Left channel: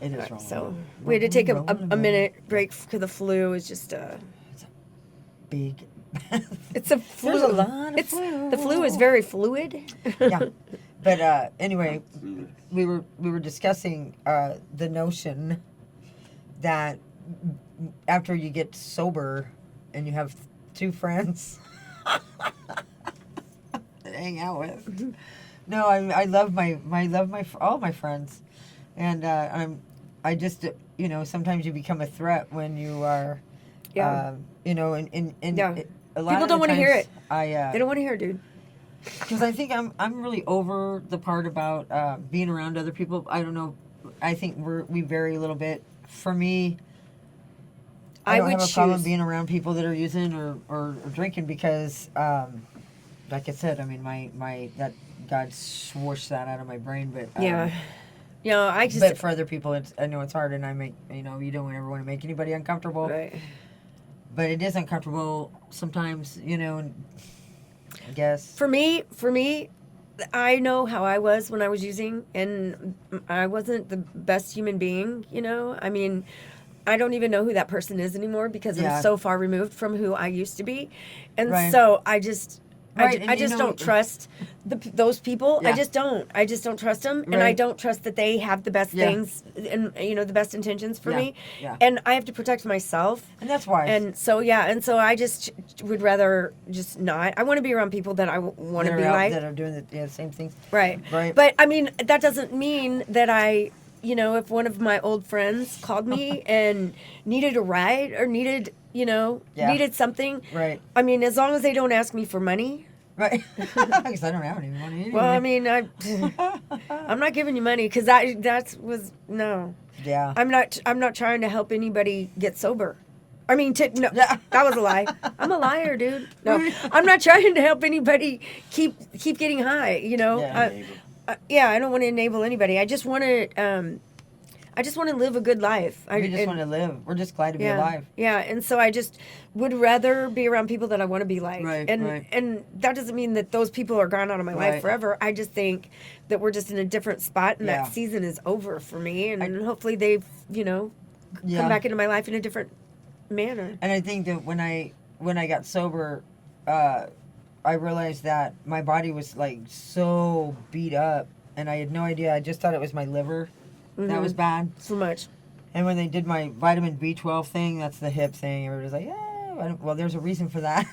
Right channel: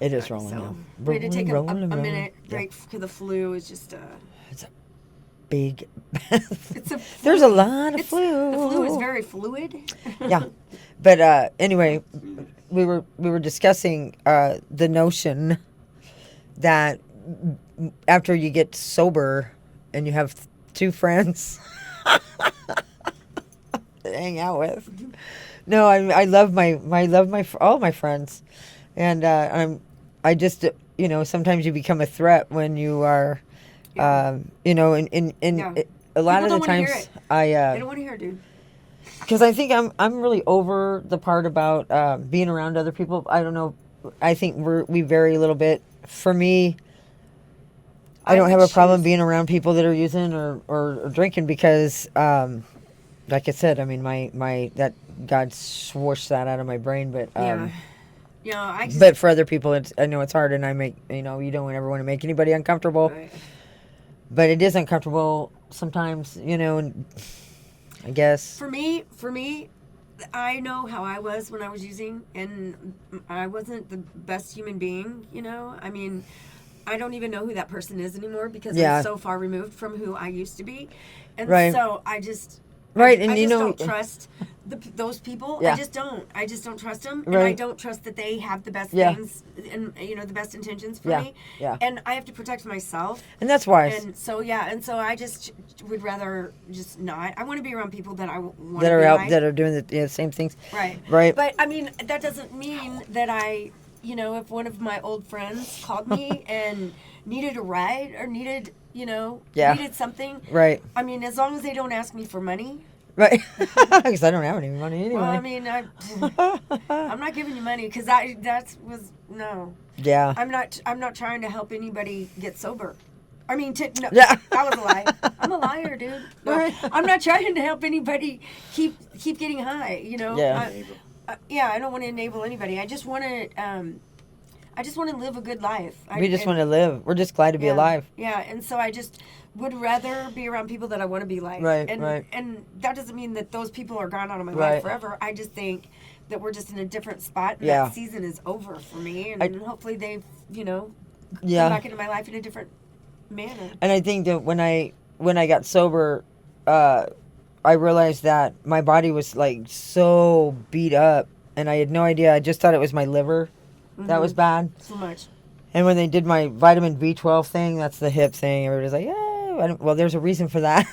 It is rolling. So on. we had to take a Rolling. minute break because the flu is just It's a big. it's a flu. There's a lot of flu. The flu is very fluid. Yeah, but anyway, we were discussing the notion that after you get sober and you have two friends to hang out with. No, I love all my friends, and I just sometimes you become a threat when you are, Yeah. in Yeah. a lot People of don't the wanna hear times it. I They don't want to hear it, dude. because I think I'm really over the part about being around other people. I don't know. I think we vary a little bit. For me, I don't would have a problem choose- being around people that are using or drinking because, like I said, I mean my that God swooshed that out of my brain, but Yeah. You know, I just. but for other people, I know it's hard, and I make you don't ever want to make anybody uncomfortable, Right. but it is uncomfortable sometimes, and I guess. For me, I know how I was when I was using, and I wasn't the best human being. I mean, I don't even know who that person is anymore because Yeah. I'm so far removed from who I used to be, and Right. so I just. Right, I and just don't trust those people. Yeah. I just don't trust them, and I Right. don't trust that they have the best Yeah. things and the best intentions for Yeah, me. yeah. And I have to protect myself. And that's why. And so I just would rather just not. I want to be around people that I want that to are be out like. that are doing the same things. Right. Right. But I mean, that doesn't mean that if one of my old friends called me and needed a ride or needed something. Right. I mean, as long as they don't ask me for money. Right. Because I don't have any money anyway. Well, I mean, I'm not giving you money because no. Yeah. I'm not trying to help anybody get sober. I mean, no, Yeah. that was a lie. I'm a liar, dude. No, I'm not trying to help anybody keep getting high. Yeah. I don't want to enable anybody. I just want to live a good life. We just want to live. We're just glad to be alive. Yeah, and so I just would rather be around people that I want to be like. Right, and, right. And that doesn't mean that those people are gone out of my Right. life forever. I just think that we're just in a different spot, and Yeah. that season is over for me. And hopefully they've, come Yeah. back into my life in a different manner. And I think that when I got sober, I realized that my body was like so beat up, and I had no idea. I just thought it was my liver that was bad. So much. And when they did my vitamin B12 thing, that's the hip thing. Everybody's like, yeah. Well, there's a reason for that.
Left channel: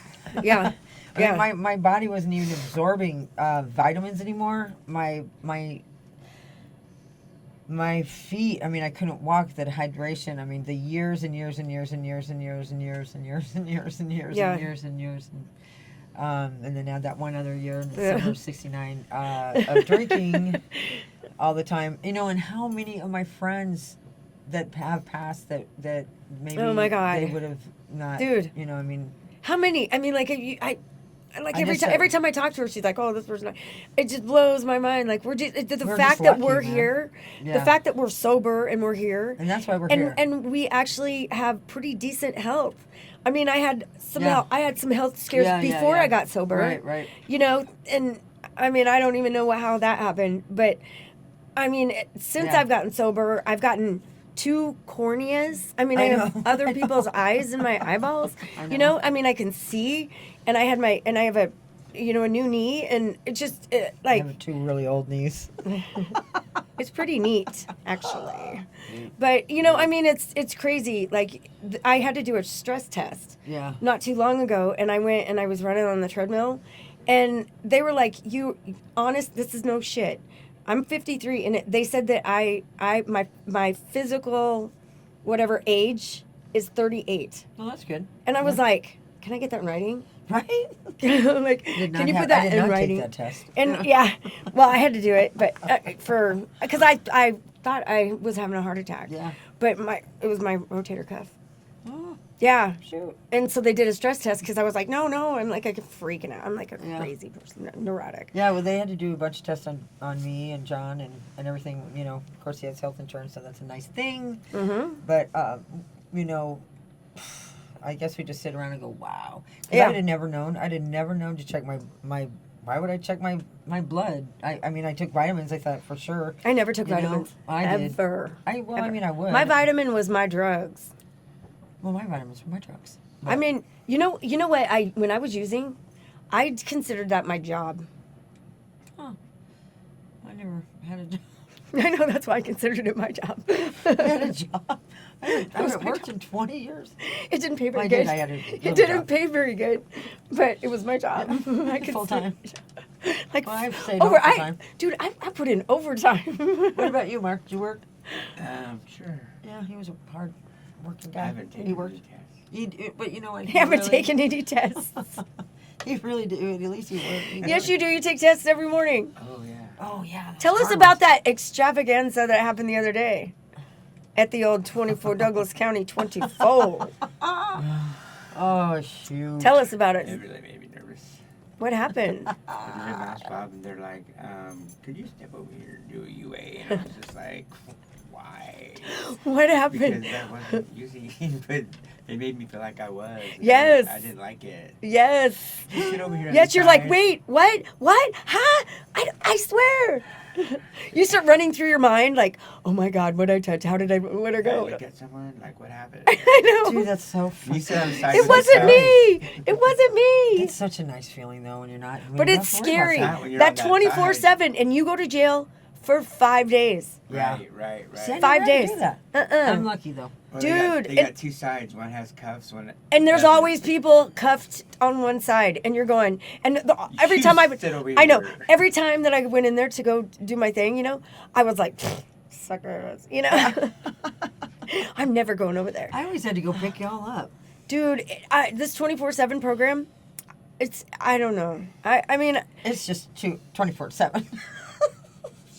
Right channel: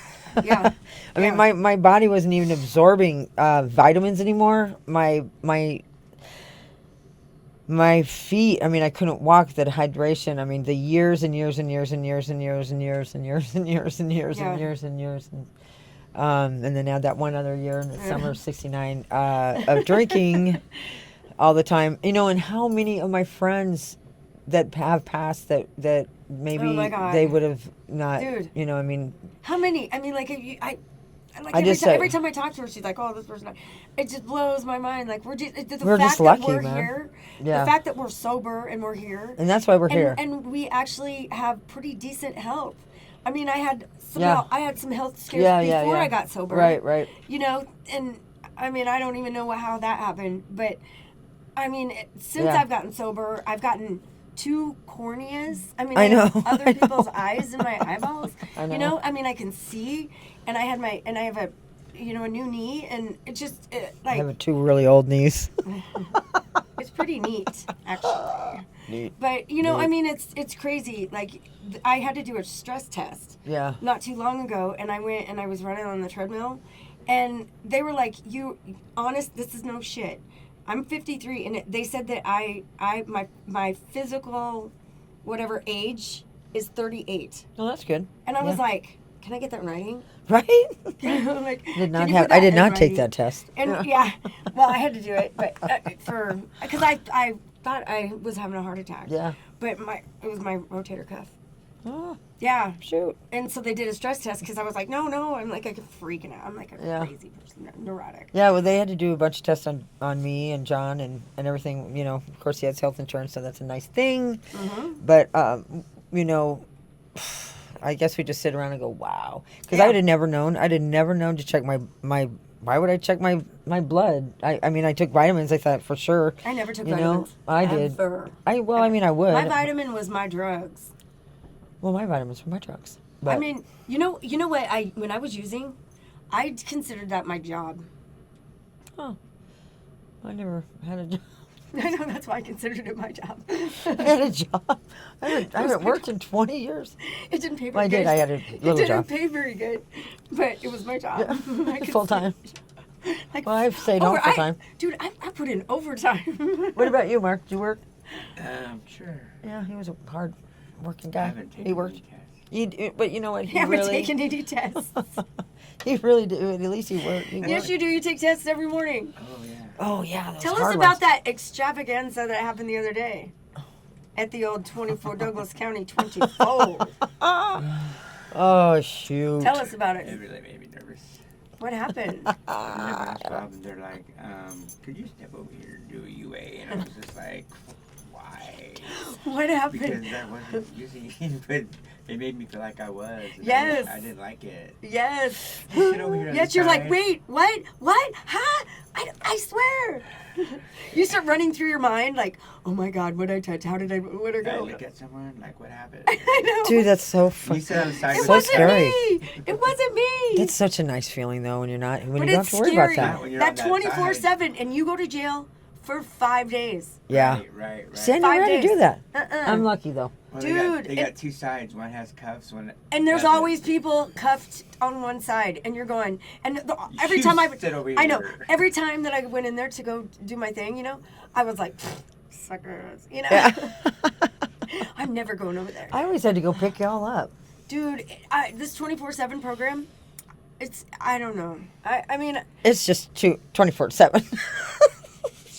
Yeah. I mean, my body wasn't even absorbing vitamins anymore. My feet, I mean, I couldn't walk. The hydration, I mean, the years and years and years and years and years and years and years and years and years Yeah. and years and years and then add that one other year in the summer of '69 of drinking all the time. And how many of my friends that have passed that maybe Oh my God. they would have not. Dude. I mean. How many? I mean, like, I just every time I talk to her, she's like, "Oh, this person." It just blows my mind. Like, the We're fact just lucky, that we're man. here, Yeah. the fact that we're sober and we're here, And that's why we're here. and we actually have pretty decent health. I mean, I had some Yeah. health scares Yeah, before yeah. I got sober. Right. And I mean, I don't even know how that happened, but I mean, since Yeah. I've gotten sober, I've gotten 2 corneas. I mean, I I have know, other I people's know. eyes in my eyeballs. I know. I mean, I can see, and I have a a new knee, and it just I like have 2 really old knees. it's pretty neat, actually. Neat. But I mean, it's crazy. Like I had to do a stress test Yeah. not too long ago, and I went and I was running on the treadmill, and they were like, honest, this is no shit. I'm 53, and they said that my physical whatever age is 38, Oh, that's good. and I was Yeah. like, can I get that in writing? Right? Like, Did can not you have, put I that did in not writing? take that test. And well, I had to do it, but because I thought I was having a heart attack. Yeah. But it was my rotator cuff. Oh, Yeah. shoot. And so they did a stress test because I was like, no, I'm like freaking out. I'm like a Yeah. crazy person, neurotic. Yeah, well, they had to do a bunch of tests on me and John and everything. Of course, he has health insurance, so that's a nice thing. Mm-hmm. But, I guess we just sit around and go, wow. Because Yeah. I would have never known. I'd have never known to check my why would I check my blood? I mean, I took vitamins. I thought for sure. I never took You know, vitamins. I did. Ever. I would. My vitamin was my drugs. Well, my vitamins were my drugs. I But- mean, you know what? When I was using, I considered that my job. I never had a job. I know, that's why I considered it my job. I had a job. I haven't worked in 20 years. It didn't pay Well, very I good. did. I had a It little didn't job. pay very good, but it was my job. I could Full time. Like, Well, I've stayed home full time. Dude, I put in overtime. What about you, Mark? Did you work? Sure. Yeah, he was a hard working I guy. haven't taken He worked. any tests. But you know what? You He haven't really, taken any tests. He really did. At least he worked. Yes, you do. You take tests every morning. Oh yeah. Oh yeah. those Tell us hard about ones. that extravaganza that happened the other day at the old 24 Douglas County 24. Oh shoot. Tell us about It it. really made me nervous. What happened? I'm in my job and they're like, could you step over here and do a UA? And I was just like, why? What Because happened? that wasn't using it, but they made me feel like I was. and Yes. I didn't like it. Yes. You sit over here on Yes, the you're like, side. wait, what? What? Huh? I swear. You start running through your mind like, oh my God, what I touch? Where'd I I go? look at someone like, what happened? I know. Dude, that's so You funny. sit on the side. It with wasn't scary. me. It wasn't me. It's such a nice feeling though when you're not. When But you don't it's have to worry scary. About Not when you're That on that 24/7, and you go to jail for 5 days. Yeah. Right. See, I 5 never had to days. do that. Uh-uh. I'm lucky though. Well, Dude, they got it- two sides. One has cuffs. One. And there's doesn't. always people cuffed on one side, and you're going. And every You time sit over I know. here. Every time that I went in there to go do my thing, you know, I was like, suckers, you know. I'm never going over there, I always had to go pick y'all up. dude. This 24/7 program, I don't know. I mean, It's just 24/7.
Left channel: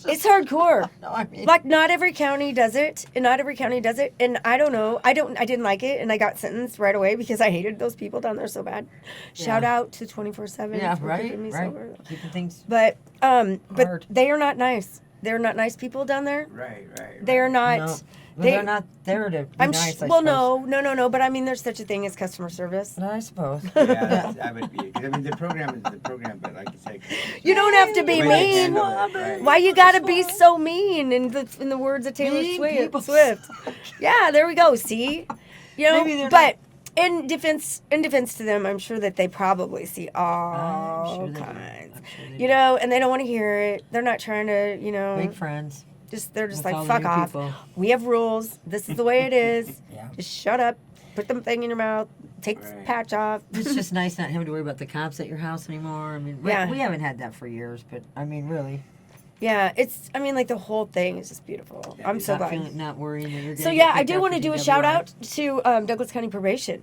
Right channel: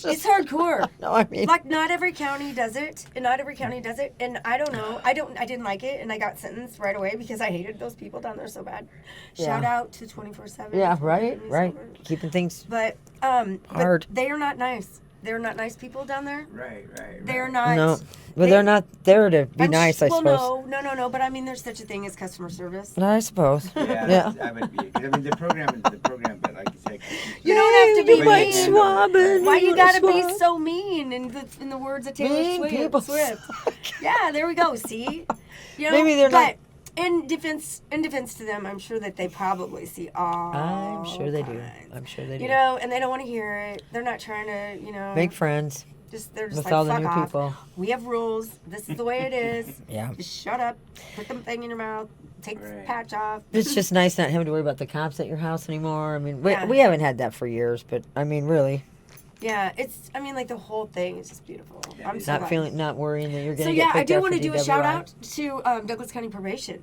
it's hardcore. No, I mean. Like not every county does it, and not every county does it, and I don't know. I didn't like it, and I got sentenced right away because I hated those people down there so bad. Shout Yeah. out to 24/7. Yeah, for right, keeping me right. sober. Keeping things. But Hard. they are not nice. They're not nice people down there. Right. They're not. No, but they- they're not there to be nice. I well, suppose. no. But I mean, there's such a thing as customer service. No, I suppose. Yeah, Yeah. I would be. 'Cause, I mean, the program is the program, but like you said, You don't have to be you went mean. swabbing, Why you gotta be so mean? In the words of Taylor Mean people. Swift. Yeah, there we go. See, you know. Maybe they're but in defense to them, I'm sure that they probably see all I'm sure they do. kinds. I'm sure they do. You know, and they don't want to hear it. They're not trying to, you know. Big friends They're just with all like, the fuck new off. people. We have rules. This is the way it is. Yeah. Just shut up. Put the thing in your mouth. Take the Right. patch off. It's just nice not having to worry about the cops at your house anymore. I mean, Yeah. we haven't had that for years, but I mean, really, Yeah, I mean, like the whole thing is just beautiful. Yeah, I'm it's so not glad. not worrying that you're going to So yeah, I do want to do a shout out to Douglas County Probation.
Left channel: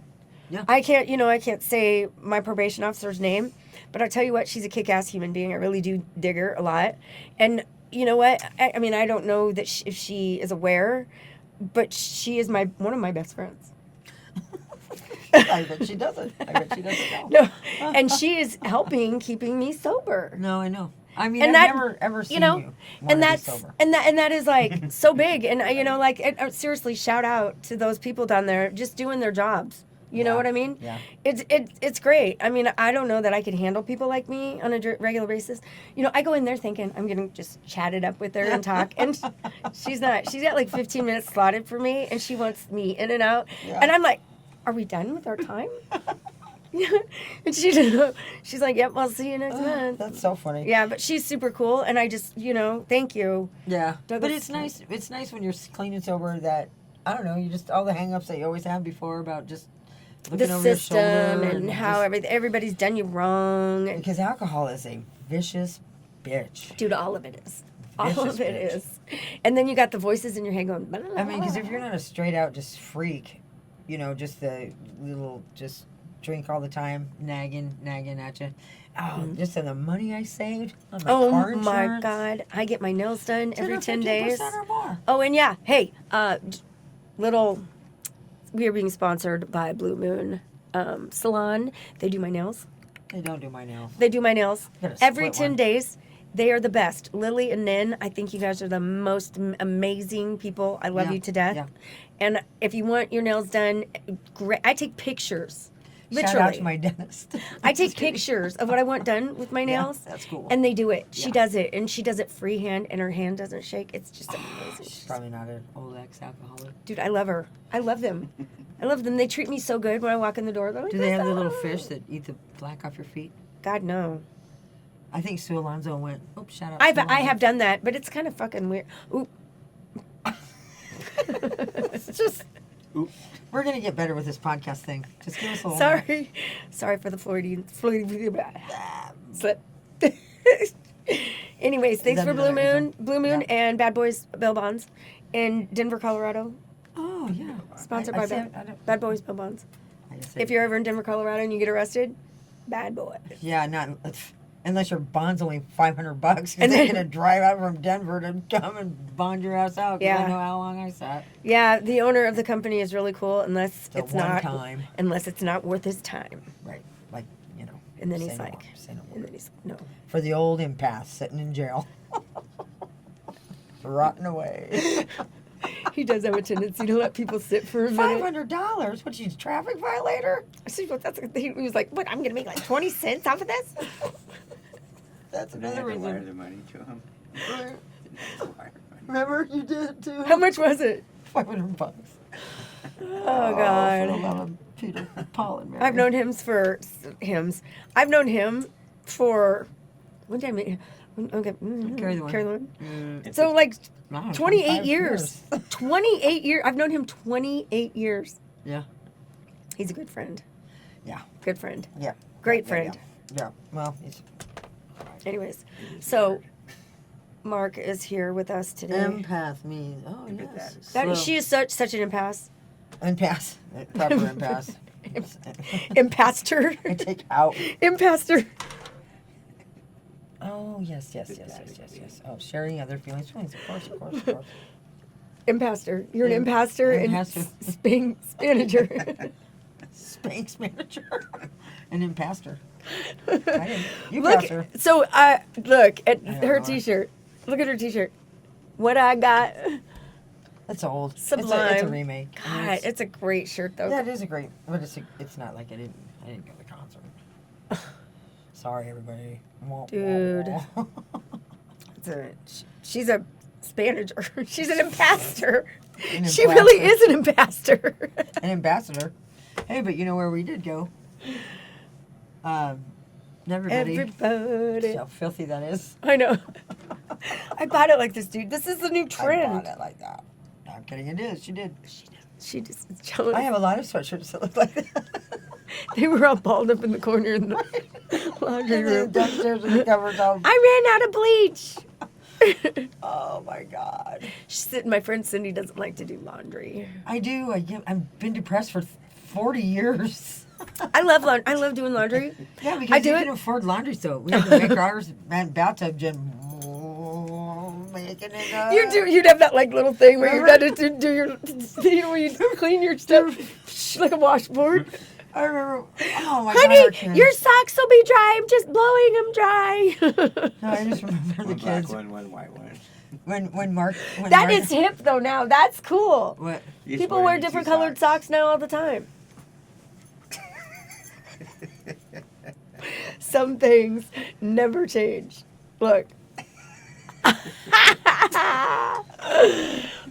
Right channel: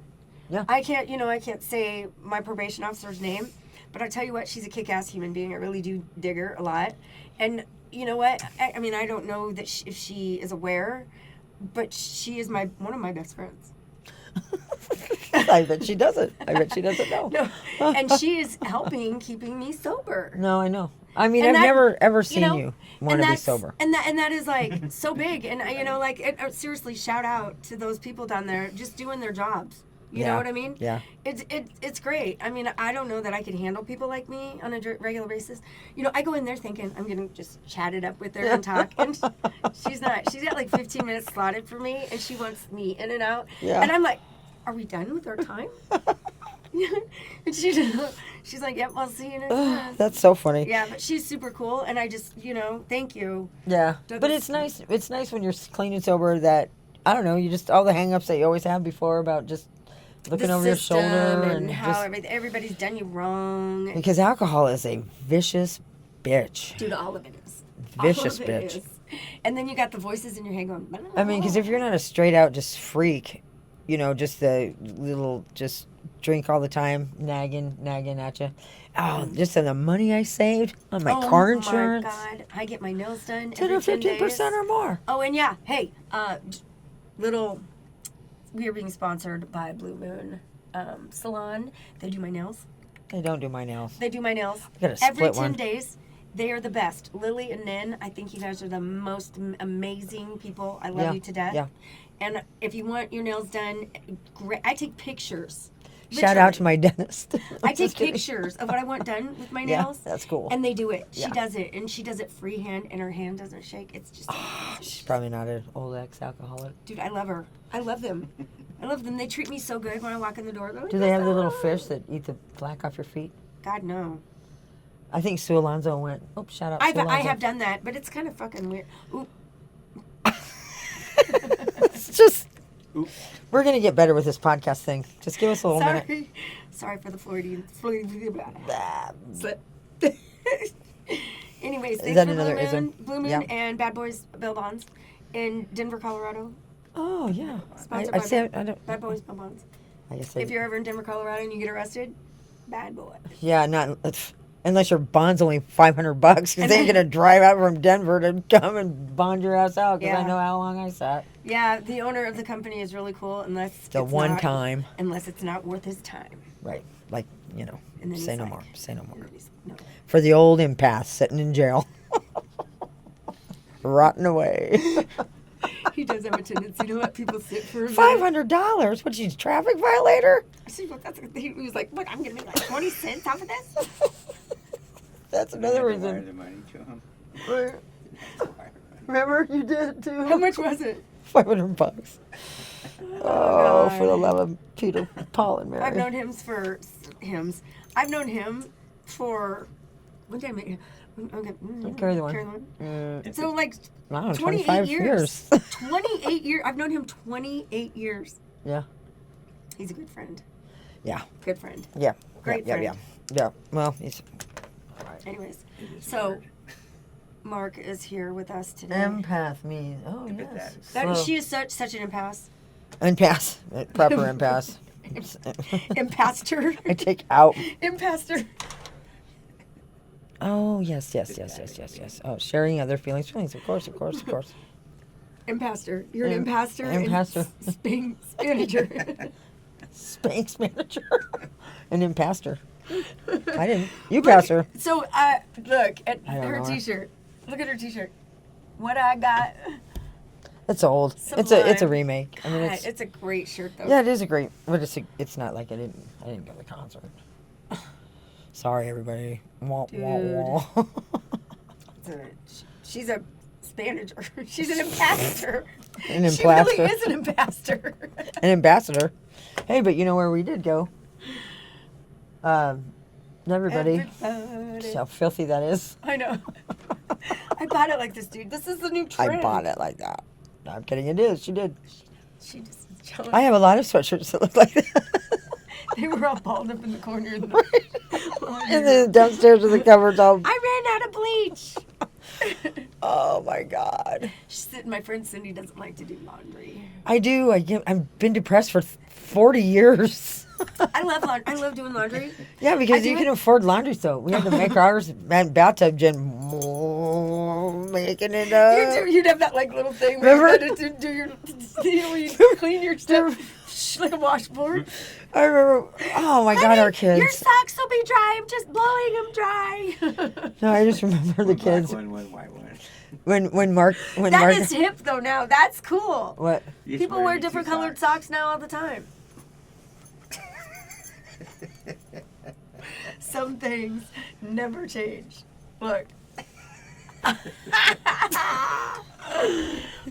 Yeah. I can't say my probation officer's name, but I tell you what, she's a kick-ass human being. I really do dig her a lot, and you know what? I mean, I don't know that if she is aware, but she is one of my best friends. I bet she doesn't. I bet she doesn't know. No, and she is helping keeping me sober. No, I know. I mean, And I've that- never ever seen know, you and want to be that's sober. and that is like so big, and you know, like seriously, shout out to those people down there just doing their jobs. You know Yeah. what I mean? Yeah. It's great. I mean, I don't know that I can handle people like me on a regular basis. You know, I go in there thinking I'm gonna just chat it up with her and talk, and she's not. She's got like 15 minutes slotted for me, and she wants me in and out. Yeah. And I'm like, are we done with our time? And she's like, yep, I'll see you next month. That's so funny. Yeah, but she's super cool, and I just, you know, thank you. Yeah. But Douglas- it's nice. It's nice when you're clean and sober that I don't know. You just all the hang-ups that you always have before about just looking The over your system shoulder and how just- everybody's done you wrong. because alcohol is a vicious bitch. Dude, all of it is. Vicious all of it bitch. is. And then you got the voices in your head going. Blah, blah, I mean, because blah. if you're not a straight out just freak, you know, just the little just drink all the time, nagging at you. Oh, just the money I saved on my car insurance. Oh my God, I get my nails done 10 every or 10 days. 15% or more. Oh, and yeah, hey, little. We are being sponsored by Blue Moon Salon. They do my nails. They don't do my nails. They do my nails I got a every split 10 one. days. They are the best. Lily and Nin, I think you guys are the most amazing people. I love Yeah, you to death. yeah. And if you want your nails done, great. I take pictures. Shout out to my dentist. I take Just kidding. pictures of what I want done with my Yeah, nails. that's cool. And they do it. She Yeah. does it, and she does it freehand, and her hand doesn't shake. It's just She's amazing. probably not an old ex-alcoholic. Dude, I love her. I love them. I love them. They treat me so good when I walk in the door. They're like, Do they have the little "Ah." fish that eat the black off your feet? God, no. I think Sue Alonso went. Oh, shout out. I Sue Alonso. have done that, but it's kind of fucking weird. Ooh. It's just. Oop. We're gonna get better with this podcast thing. Just give us a little minute. Sorry for the Floridian slip. Anyways, thanks that for Blue another ism? Moon, Yeah. and Bad Boys Bail Bonds in Denver, Colorado. Oh yeah. Sponsored I by say I don't. Bad Boys Bail Bonds. I just say, If you're ever in Denver, Colorado, and you get arrested, bad boy. yeah, not unless your bond's only $500 because And they're then- gonna drive out from Denver to come and bond your ass out. Because I Yeah. know how long I sat. Yeah, the owner of the company is really cool, unless The it's one not, time, unless it's not worth his time. right? Like you know. And then say he's no like, more. Say no more. and then he's no. For the old impasse sitting in jail, rotting away. He does have a tendency to let people sit for a minute. $500? What? She's a traffic violator? See, well, he was like, "What? I'm gonna make like 20 cents off of this." That's And I had another to wire reason. the money to him. Remember, you did it too. How much was it? $500. Oh God! For the love of Peter, Paul, and Mary. I've known him for hymns. I've known him for when did I meet him? Okay, Carry the one. Carry the one. Mm, So like wow, 28 25 years. 28 years. I've known him 28 years. Yeah. He's a good friend. Yeah. Good friend. Yeah. Great yeah, friend. Yeah. Well, he's Anyways, It is so weird. Mark is here with us today. empath means. Oh Empathetic. yes. That, Slow. she is such an impasse. Impasse. Proper impasse. Impastor. I take out. Impastor. Oh yes. Oh, sharing other feelings. Of course. Impastor. You're an Im- impastor and impastor. Spanager. Spanx manager. An impastor. I didn't. You pass her. So look at I don't her know. T-shirt. Look at her T-shirt. What I got. It's old. It's a Sublime. remake. I mean, God, it's a great shirt though. yeah, it is a great. But it's not like I didn't go to the concert. Sorry, everybody. Wah, Dude. wah, wah. She's a Spanager. She's an impastor. An She really impastor. is an impastor. An ambassador. Hey, but you know where we did go? Everybody. Everybody. See how filthy that is. I know. I bought it like this, dude. This is the new trend. I bought it like that. No, I'm kidding. It is. She did. She just is jealous. I have a lot of sweatshirts that look like that. They were all balled up in the corner in the laundry And then room. downstairs with the covers all. I ran out of bleach. Oh my God. My friend Cindy doesn't like to do laundry. I do. I've been depressed for 40 years. I love laundry. I love doing laundry. Yeah, I because do you it. can afford laundry soap. We had to make ours and bathtub gin. Making it up. You'd have that like little thing where Remember? you had to do your, where you clean your stuff like a washboard. I remember. Oh my Honey, God, our kids. your socks will be dry. I'm just blowing them dry. No, I just remember the One black kids one white one. when Mark when That Mark is hip though now. That's cool. what You just People wear the two different colored socks now all the time. Some things never change. Look.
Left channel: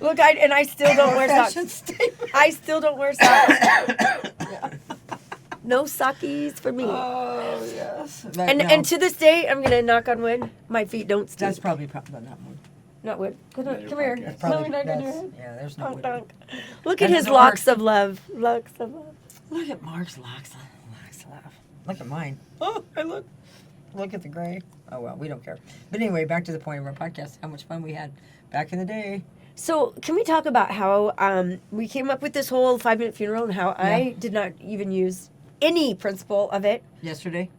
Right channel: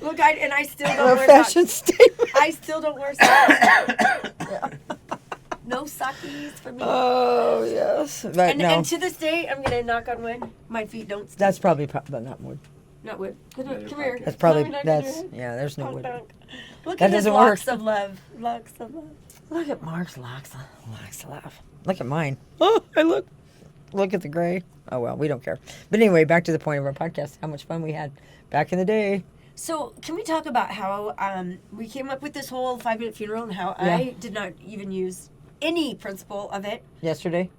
Look, I still don't wear fashion socks. statement. I still don't wear socks. No sockies for me. Oh yes, but and no, and to this day, I'm gonna knock on wood. My feet don't stink. that's probably not wood. not wood. Come Another here. podcast. That's probably No, no, no, that's no. yeah. There's no Dunk, wood. dunk. Look That at his doesn't locks work. of love. Locks of love. Look at Mark's locks. Laugh. Look at mine. Oh, I look. Look at the gray. Oh well, we don't care. But anyway, back to the point of our podcast. How much fun we had back in the day. So, can we talk about how we came up with this whole 5-minute funeral and how I did not even use any principle of it Yesterday.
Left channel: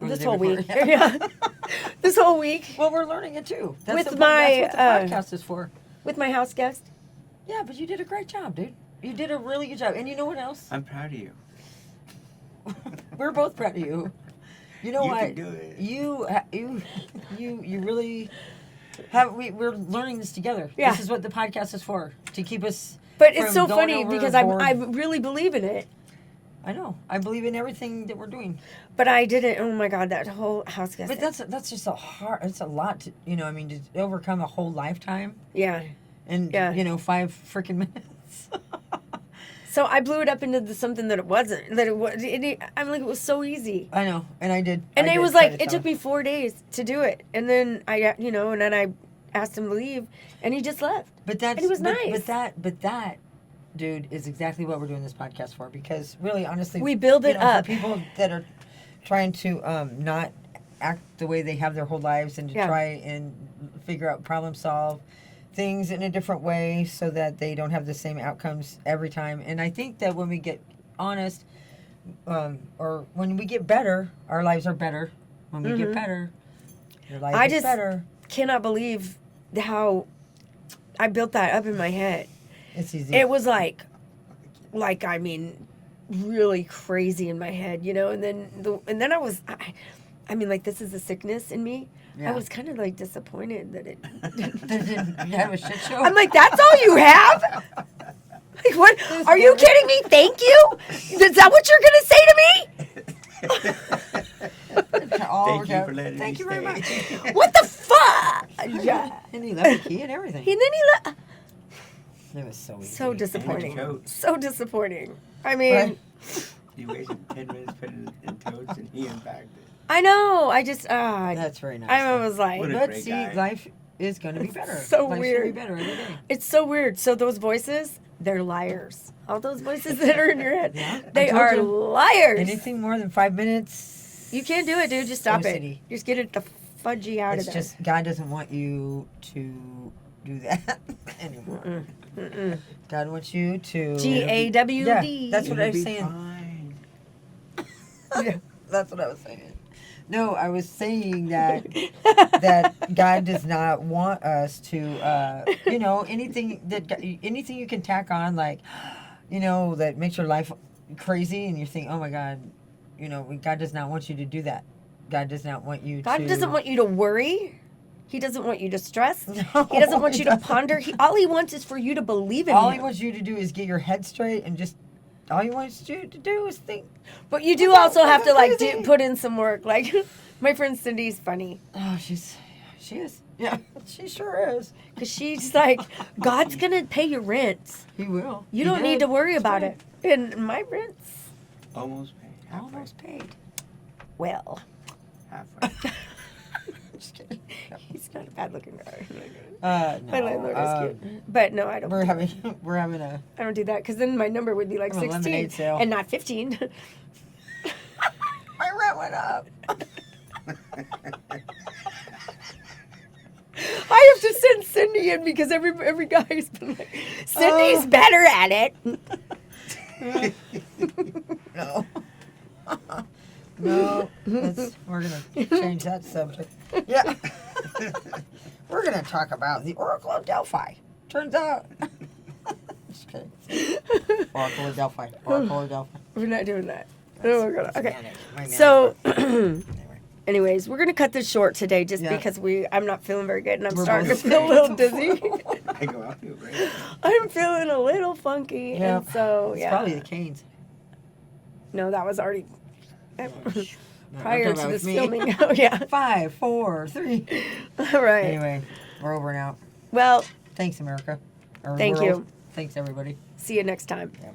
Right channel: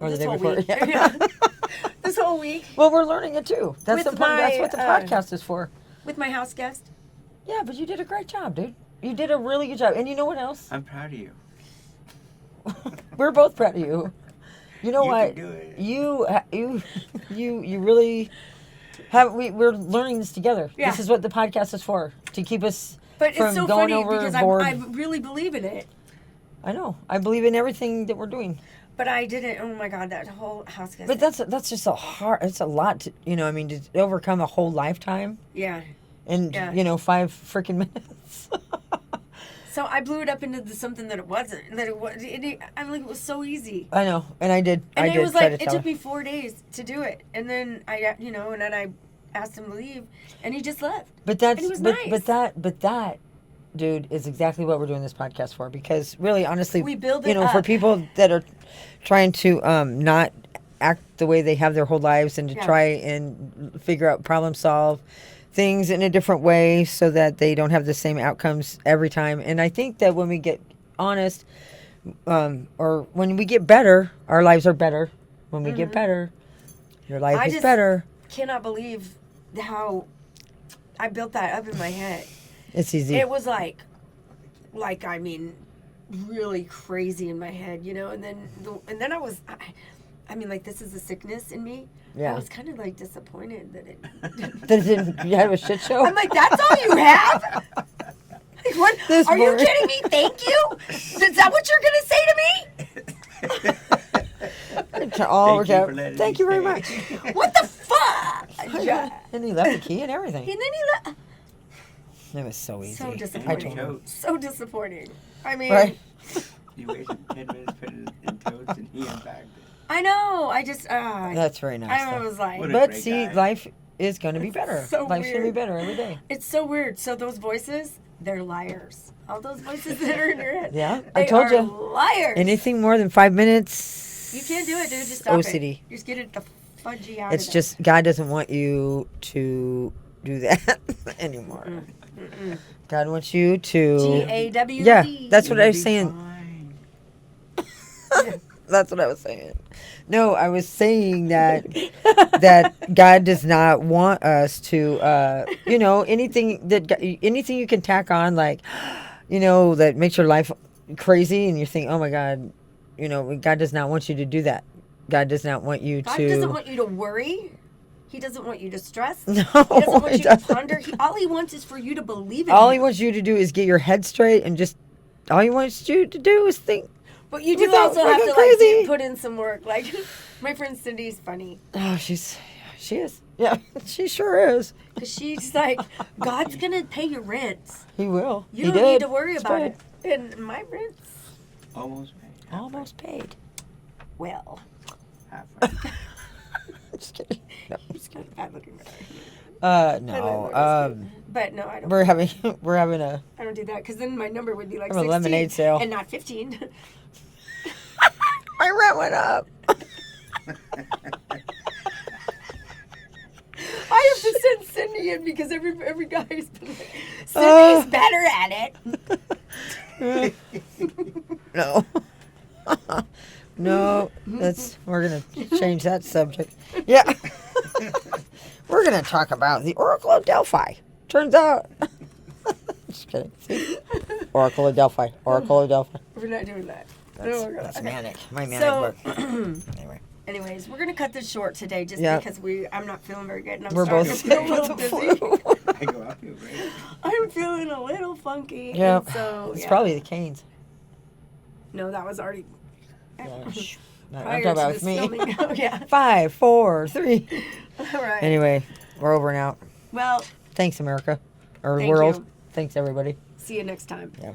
Or this the day whole before. week? Yeah. Yeah. This whole week Well, we're learning it too. That's With the my, that's what the podcast is for. with my house guest. Yeah, but you did a great job, dude. You did a really good job. And you know what else? I'm proud of you. We're both proud of you. You know You what? can do it. You really have. We're learning this together. Yeah. This is what the podcast is for, to keep us. But from it's so going funny because I overboard. really believe in it. I know. I believe in everything that we're doing. But I didn't. Oh my God, that whole house got But that's just it's a lot to, I mean, to overcome a whole lifetime yeah. in, Yeah. 5 freaking minutes. So I blew it up into something that it wasn't. That it was. I'm like, it was so easy. I know. And I did. And I it did was try like, to it tell took her. me 4 days to do it. And then and then I asked him to leave, and he just left. But that's, and it was but, nice. but that, dude, is exactly what we're doing this podcast for. Because really, honestly, We build it for up. people that are trying to not act the way they have their whole lives and to Yeah. try and figure out, problem solve things in a different way so that they don't have the same outcomes every time. And I think that when we get honest, or when we get better, our lives are better. When we get better, your life I is just- better. Cannot believe how I built that up in my head. It's easy. It was like I mean, really crazy in my head, and then I was, I mean, like, this is a sickness in me. Yeah. I was kind of like disappointed that it. You have a shit show? I'm like, that's all you have? Like, what? This Are you word. kidding me? Thank you? Is that what you're gonna say to me? All Thank you for letting Thank me you very stay. much. What the fuck? Yeah. And he left the key and everything. And then he left. It was so easy. So disappointing. totes. So disappointing. I mean, Right? You wasted 10 minutes putting it in totes and he unpacked it. I know. I just, That's very nice. I though. was like, What a But great see, guy. life is going to be better. So Life's going to be weird. better every day. it's so weird. So those voices, they're liars. All those voices that are in your head, Yeah, I they told are you. liars. Anything more than 5 minutes. You can't do it, dude. Just stop OCD. it. Just get it the fudgy out It's of there. just, God doesn't want you to do that anymore. God wants you to. GAWD. Yeah, that's what I You'll was be saying. fine. That's what I was saying. No, I was saying that God does not want us to, anything you can tack on, like, that makes your life crazy, and you think, oh my God, God does not want you to do that. God does not want you God to. doesn't want you to worry. He doesn't want you to stress. No, He doesn't want he you to doesn't. ponder. All he wants is for you to believe in All him. he wants you to do is get your head straight and just. All he wants you to do is think. But you do Without also have to fucking crazy. put in some work. Like my friend Cindy's funny Oh, she is. Yeah, she sure is. because she's like, God's gonna pay your rent. He will. You He don't need did. to worry It's about good. it. And my rent's Almost paid. Almost paid. well. Halfway. Just kidding. No. He's got a bad looking guy. No. My landlord is cute. But no, I don't. We're having a. I don't do that because then my number would be like Have a 16 lemonade sale. and not 15. My rent went up. I have to send Cindy in because every guy's been like, Cindy's better at it. No. No. We're gonna change that subject. Yeah. We're gonna talk about the Oracle of Delphi. Turns out. Just kidding. See? Oracle of Delphi. Oracle of Delphi. We're not doing that. That's, Oh, God. that's Okay. manic. My manic So, book. Anyway. anyways, we're gonna cut this short today just Yeah. because I'm not feeling very good and I'm We're starting to both feel a little dizzy. I go, I feel great. I'm feeling a little funky. Yeah. And so It's yeah. probably the canes. No, that was already No, I'm prior talking to about this me. filming. Oh yeah. 5, 4, 3. All right. Anyway, we're over and out. Well, Thanks, America. Or Thank world. you. Thanks, everybody. see you next time. Yeah.